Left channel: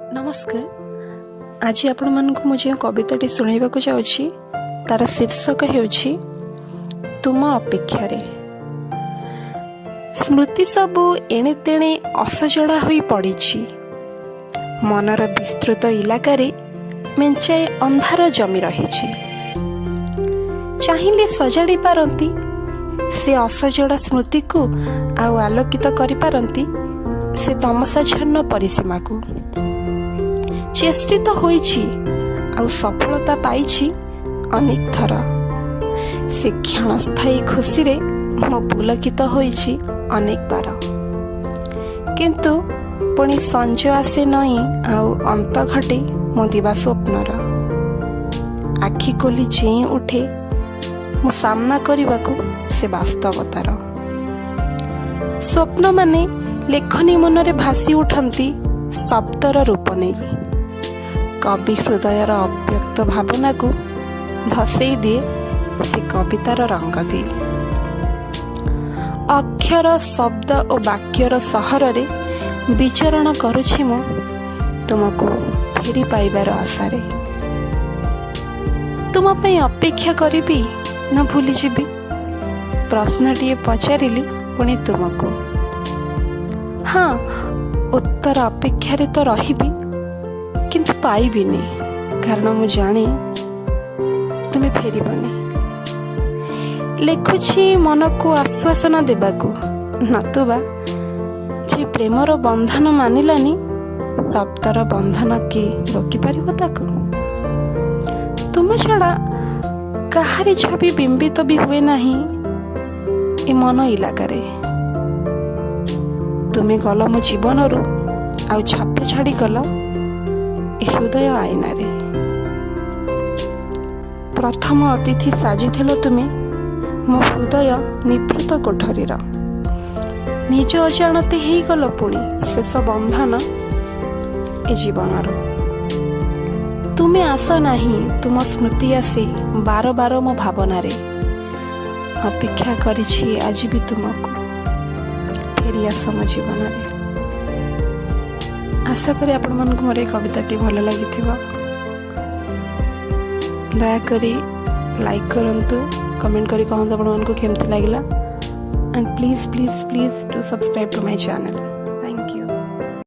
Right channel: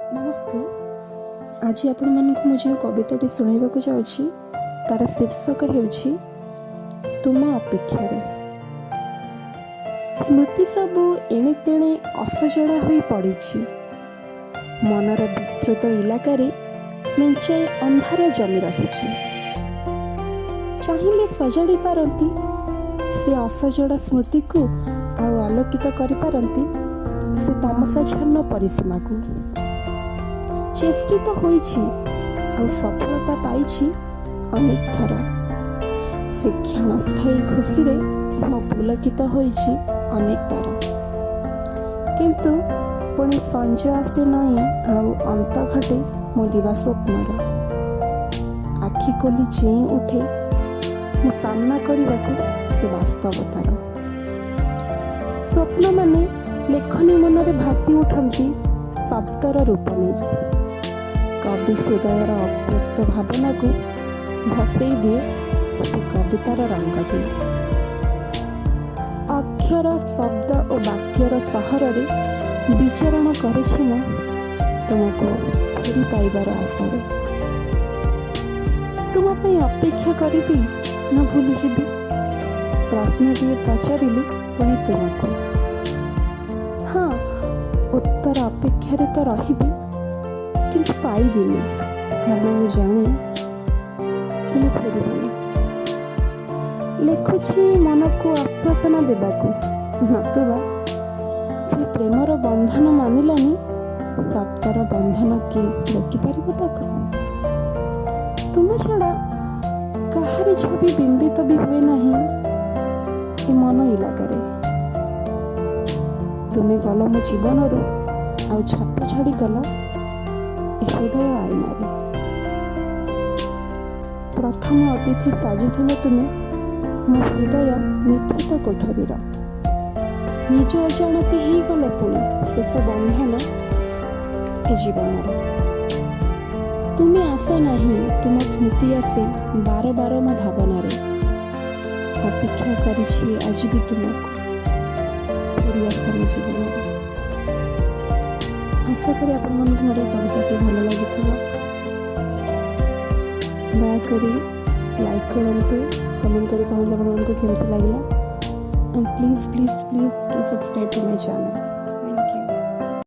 नमस्कार। आज आपण मानक मु जो कविताटी शुणाइबाकू जाउछि तार शीर्षक हेउछि तुम अपेक्षा रे। स्मृति सबु एणे तेणे असजड़ा होई पड़िछि। मनर विस्तृत इलाकारे मेंचाए अंधार जमी रहिछि। चाहिले सजाड़ी पारंती से असजड़ा स्मृति को आउ आलोकित करि पारंती से तमसाच्छन्न परिसीमा को। चेष्टित होइछि आउ सफलता पाइछि अनेक थर। से क्षणस्थायी खुशी रे मो पुलकित होइछि अनेक बार। किंतु पुणी संजय आसे नई आउ अंत घटे मो दिवा स्वप्नर। आखि खोली चेई उठे मो सामना करबाकू से वास्तवतार। स्वप्न माने लेखनी मनरे भासी उठंती शब्दर रूप नहीं। कवि हृदयर अव्यक्त भावना को भसई दिए से कवितार रंग दिए। अक्षर शब्द और वाक्यर सहर रे विचरण करुछि मु तुमको फेरी पाइबार आशारे। तुम पे अपेक्षा करिबी न भूली जीवी प्रश्नटीए पचारिली पुणी तुमको। हाँ, उत्तर अपेक्षा रे तो रहिबी किंतु पाइबिनी, कारण मु जाने तुम्हें फेरबनी। लिखुछि मन को आश्वासन देबाकू, नतुबा जे प्रेमर बंधन मानिलानी शब्दर बंधन के रोकी पारिबो ताकू। तुम छड़ा काहारी छवि बिंबित भी हुए नहीं ए मन इलाकारे। तुम्हें गल मो जीवन रू आउ छाप छाड़ी गल हृदय आईना रे। प्रथम अतिथि साजिथिल तुमे मो हृदय निभृत कोठरीर। निज अजाणते ही गल पुणी शेष बंधन ए जीवनर। तुमे आस नहीं तुम स्मृति आसी बार बार मो भावना रे। अपेक्षा करिछि आज भी तुमको फेरी आस मो जीवन रे। आशा करी आपण मानक मोर कविताटी भल लगी। दयाकोरी लाइक करंतु, कमेंट करी कहंतु आपण मानक केमती लागिला। And please please please do subscribe to my channel.